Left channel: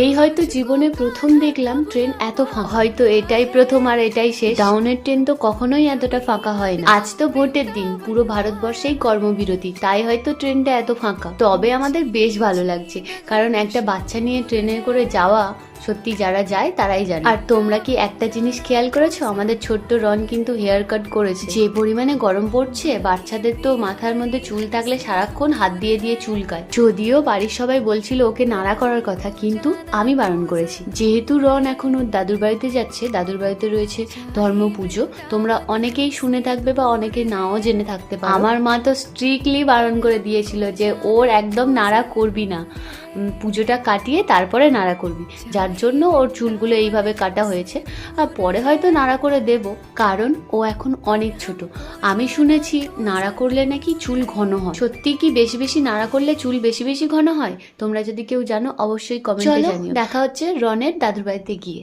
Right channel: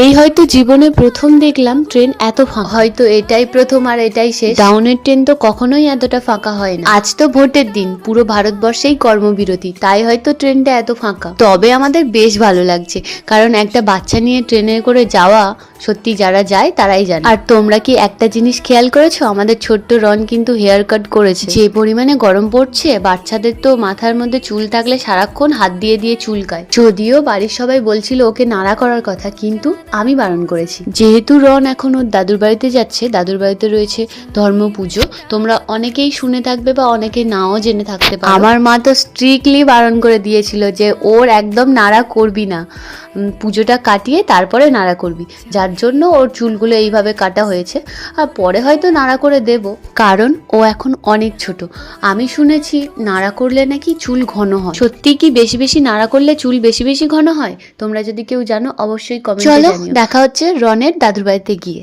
এই হয়তো জীবনে প্রথম দেখলাম ট্রেন এত ফাঁকা। হয়তো এটাই প্রথম আর এটাই শেষ। ডাউনের ট্রেন তো কখনোই এতটা ফাঁকা হয় না। আজ তো ভোটের দিন, পুরো ভারতবর্ষেই কর্মবিরতি, তাই হয়তো ট্রেনটা এত ফাঁকা। তবে আমাদের বেশ ভালো লাগছে, কারণ একটা বাচ্চা নিয়ে ট্রেনে করে যাওয়া সত্যি যারা যায় তারাই জানে। আর তোমরা কি একটা জিনিস খেয়াল করেছো, আমাদের ছোট্ট রন কিন্তু হেয়ার কাট করেছে। যে পরিমাণে গরম পড়ছে, বাচ্চাদের তো মাথার মধ্যে চুল থাকলে সারাক্ষণ হাত দিয়ে দিয়ে চুলকায়। যদিও বাড়ির সবাই বলছিল ওকে নাড়া করার কথা, কিন্তু আমি বারণ করেছি। যেহেতু রন এখন ওর দাদুর বাড়িতে যাচ্ছে, দাদুর বাড়িতে রয়েছে ধর্ম পুজো, তোমরা অনেকেই শুনে থাকবে বা অনেকে নাও জেনে থাকতে পারো। আমার মা তো স্ট্রিক্টলি বারণ করে দিয়েছিল যে ওর একদম নাড়া করবি না, পুজোটা কাটিয়ে তারপরে নাড়া করবি, যার জন্য ওর চুলগুলো এইভাবে কাটা হয়েছে। আর পরে হয়তো নাড়া করে দেব, কারণ ও এখন অনেক ছোট। আমি শুনেছি নাড়া করলে নাকি চুল ঘন হয়। সত্যি কি বেশি বেশি নাড়া করলে চুল বেশি বেশি ঘন হয়? তোমরা যদি কেউ জানো অবশ্যই কমেন্টে জানিও। দেখা হচ্ছে রনের দাদুর বাড়িতে গিয়ে।